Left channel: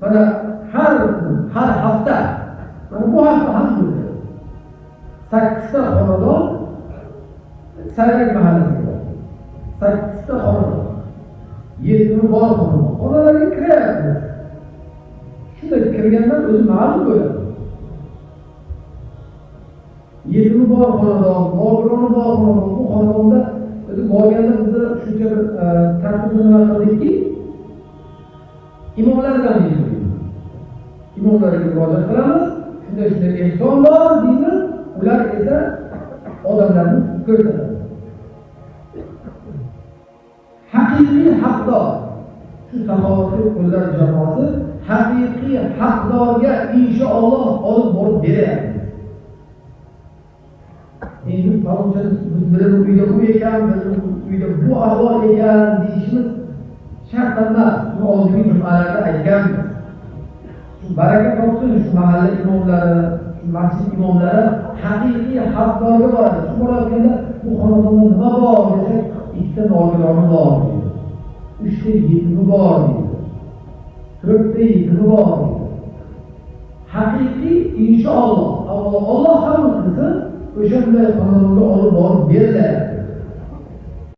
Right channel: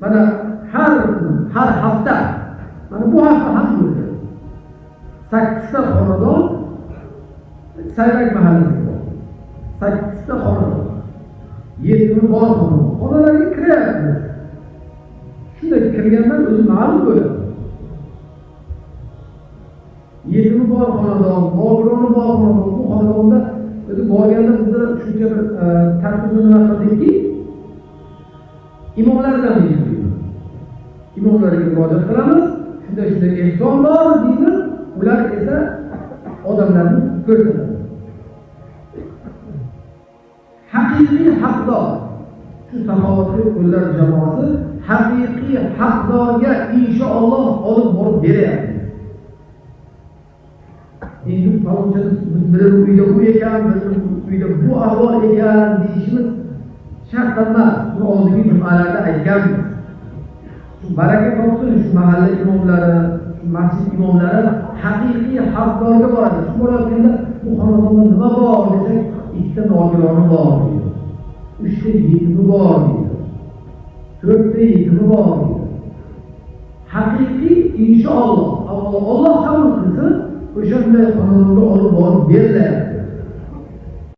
mana har hafta mana bu hafta ham bo'ldi. 8 ta xonadon Sayrak mahallasiga. 8 ta xonadon. Yetimi bor xonalarga kiryapti. Shunda kirganda o'zi ma'lum bo'ladi. Yetimi bor xonadon, bog'roni bor xonadon, bu xonadonda o'zi borganda bizda shuncha bir tartibni nima qildikki, imomlardan deydi. İmomlarga murojaat qilamiz. Shunda ehson bor deydi. Ular esa odamlarni ko'rsatadi. Haqiqiy haqdor shu saxovatli qullar jamoasi haqiqiy haqdorga inshaalloh olib borib beradi. Endi falonchani bir uyda bu ekan, bir uyda bu ahvol ekan deyishimiz shart emas. Bu oldingi jum'alarda aytganmiz. Baraka topsin shu mahalla imomlari, shu masjid imomlari haqiqiy haqdorga boradi. Shu bo'layotganda bu xonadonda nima bor desak, 2 ta nogironim bor deydi. 3 ta yetimi bor deydi. 4 ta yetimi bor deydi. Haqiqiy inshaalloh Alloh qabul qilsin, o'shanday xonadonga olib borib beriladi.